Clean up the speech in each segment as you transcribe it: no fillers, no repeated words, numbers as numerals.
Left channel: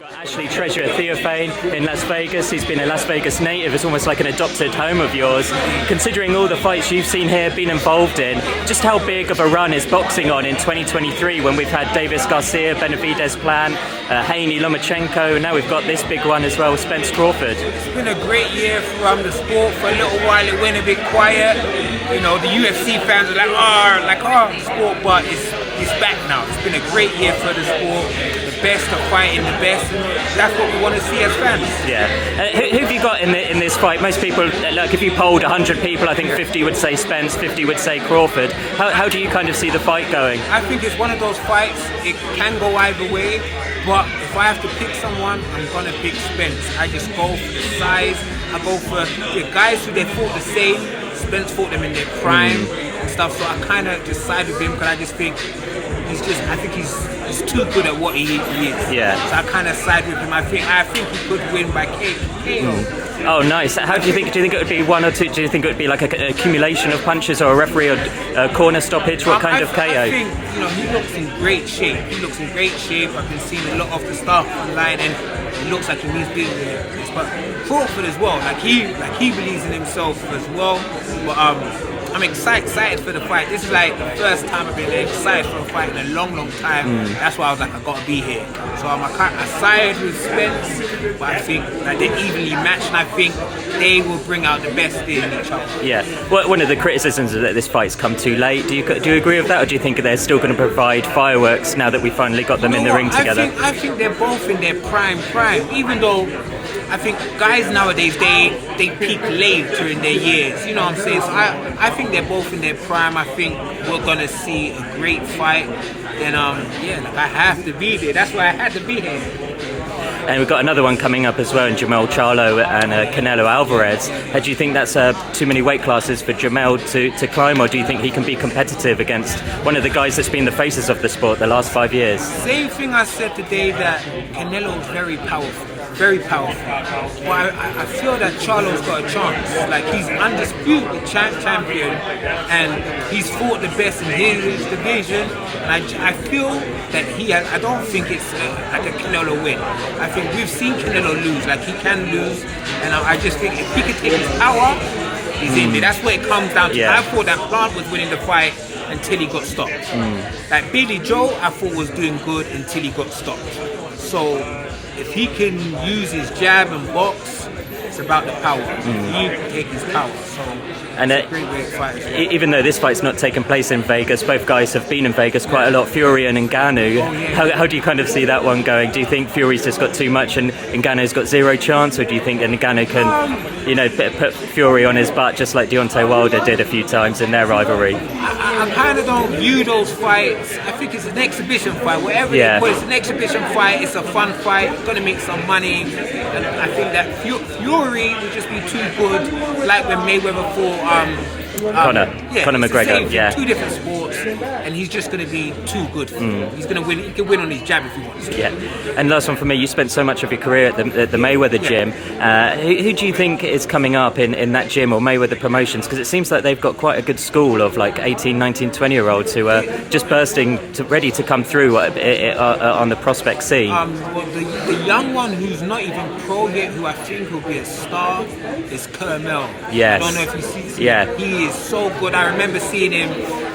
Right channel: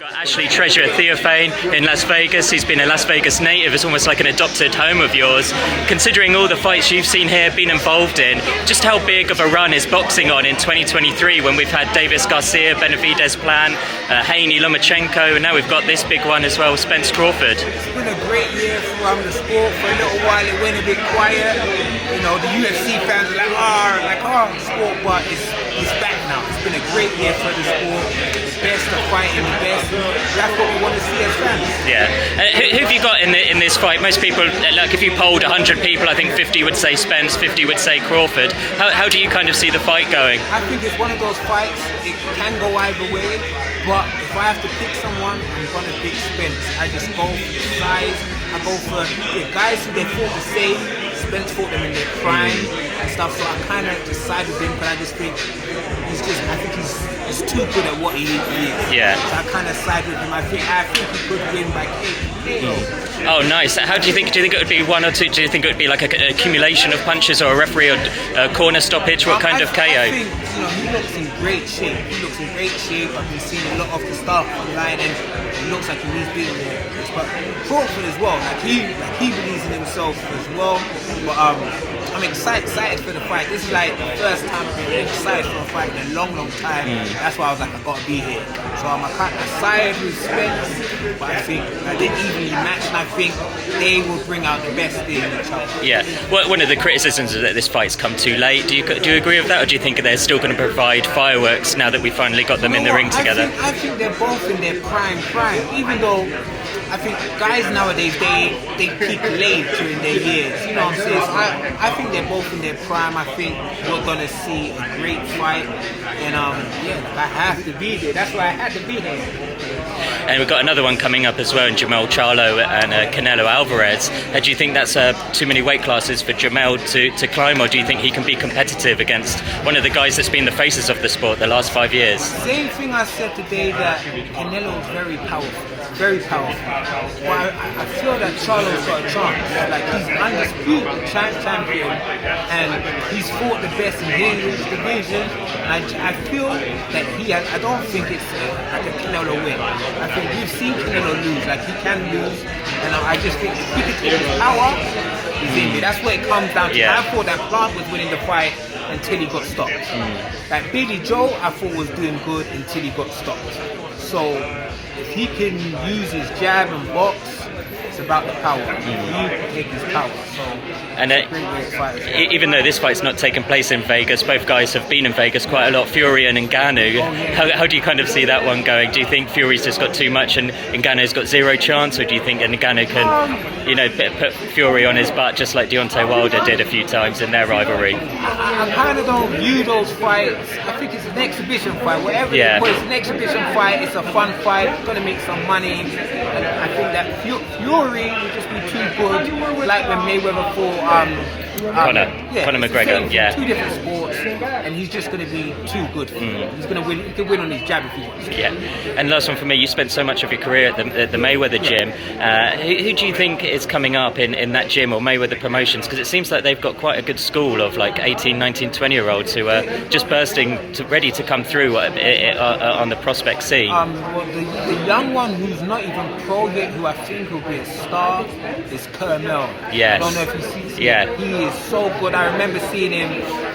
Got Ashley Treasure Theophane in Las Vegas. He's been a Las Vegas native. It's almost like an adopted home of yours. Considering all the fights you've seen here, been involved in, just how big of a run is boxing on in 2023 when we've had Davis Garcia, Benavidez Plan, Haney, Lomachenko, and now we've got this big one as well, Spence Crawford. It's been a great year for the sport. For a little while it went a bit quiet. You know, the UFC fans are like, the sport, but it's back now. It's been a great year for the sport. The best are fighting the best. That's what we want to see as fans. Yeah. Who have you got in this fight? Most people, like if you polled 100 people, I think 50 would say Spence, 50 would say Crawford. How do you kind of see the fight going? I think it's one of those fights, it can go either way, but if I have to pick someone, I'm going to pick Spence. I just go for the size. I go for the guys who they fought the same. Spence fought them in their prime and stuff, so I kind of just side with him because I just think he's too good at what he is. Yeah. So I kind of side with him. I think he could win by KO. Oh, nice. How do you think it would be, one or two? Do you think it would be like an accumulation of punches or a referee or a corner stoppage? What kind of KO? I think, he looks in great shape. I've been seeing a lot of the stuff online and he looks like he needs being there. But Crawford as well, he believes in himself as well. But I'm excited for the fight. This is like the first time I've been excited for a fight in a long time. That's why I was like, I gotta be here. So I'm excited with Spence, but I think they're evenly matched, and I think they will bring out the best in each other. Yeah. Well, one of the criticisms is that this fight's come too late. Do you agree with that, or do you think they're still going to provide fireworks now that we finally got them in the ring together? I think they're both in their prime. Even though I think guys nowadays they peak late during their years. You know what I'm saying? So I think they're both in their prime. I think we're gonna see a great fight, and I have to be there. That's why I had to be there. And we've got another one coming up as well, in Jamel Charlo and Canelo Alvarez. Do you think that's too many weight classes for Jamel to climb, or do you think he can be competitive against one of the guys that's been the faces of the sport the last 5 years? Same thing I said today, that Canelo is very powerful. Well, I feel that Charlo's got a chance. Like, he's undisputed champion, and he's fought the best in his division. I feel that I don't think it's like a Canelo win. I think we've seen Canelo lose, like he can lose, and I just think if he can take his power, he's in there. That's what it comes down to. Yeah. I thought that Plant was winning the fight until he got stopped. Like Billy Joe, I thought was doing good until he got stopped. So if he can use his jab and box, it's about the power. He can take his power. So and even though this fight's not taken place in Vegas, both guys have been in Vegas quite a lot, Fury and Ngannou. How do you kind of see that one going? Do you think Fury's just got too much and Ngannou's got zero chance, or do you think Ngannou can, put Fury on his butt just like Deontay Wilder did a few times in their rivalry? I kind of don't view those fights. I think it's an exhibition fight. Whatever it was, it's an exhibition fight. It's a fun fight. It's going to make some money. And I think that Fury will just be too good, like when Mayweather fought Conor McGregor. Two different sports, and he's just going to be too good for him. He's going to win. He can win on his jab if he wants to. Yeah. And last one for me, you spent so much of your career at the Mayweather gym. Who do you think is coming up in that gym or Mayweather Promotions? Because it seems like they've got quite a good school of like 18, 19, 20-year-olds who are just ready to come through on the prospect scene. Well, the young one who's not even pro yet, who I think will be a star, is Kermel. Yes. I don't know if you see. Yeah. He is so good. I remember seeing him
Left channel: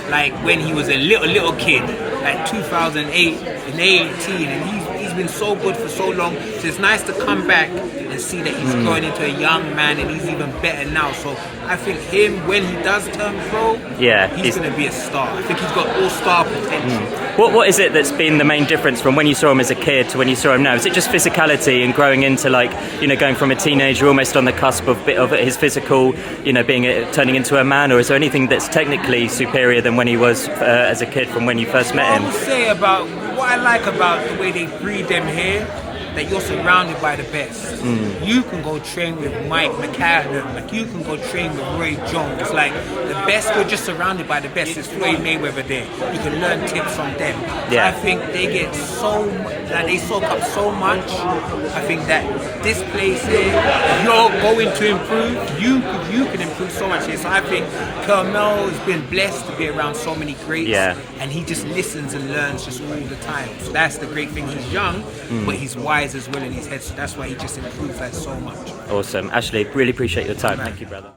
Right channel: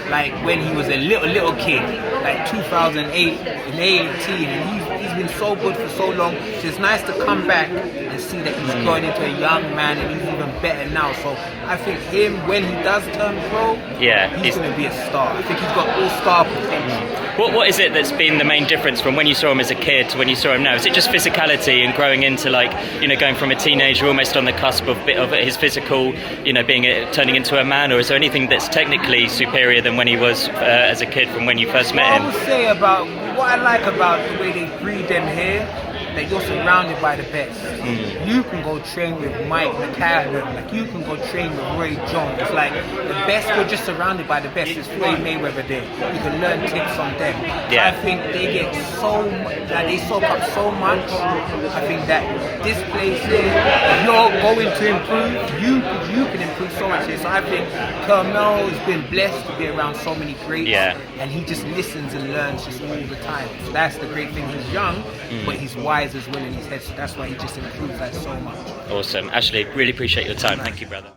like when he was a little kid, like 2008 and 18, and he's been so good for so long. So it's nice to come back and see that he's going into a young man, and he's even better now. So I think him, when he does turn pro, he's going to be a star. I think he's got all-star potential. What is it that's been the main difference from when you saw him as a kid to when you saw him now? Is it just physicality and growing into going from a teenager almost on the cusp of his physical, turning into a man, or is there anything that's technically superior than when he was as a kid from when you first met him? I would say about what I like about the way they breed them here, that you're surrounded by the best. You can go train with Mike McCallum, like you can go train with Roy Jones. Like the best, you're just surrounded by the best. It's Floyd Mayweather there. You can learn tips from them. Yeah. I think they get they soak up so much. I think that this place here, if you're going to improve, you can improve so much here. So I think Kermel has been blessed to be around so many greats, and he just listens and learns just all the time. So that's the great thing. He's young, but he's wise eyes as well in his head. So that's why he just improves that so much. Awesome. Ashley, really appreciate your time. Thank you, brother.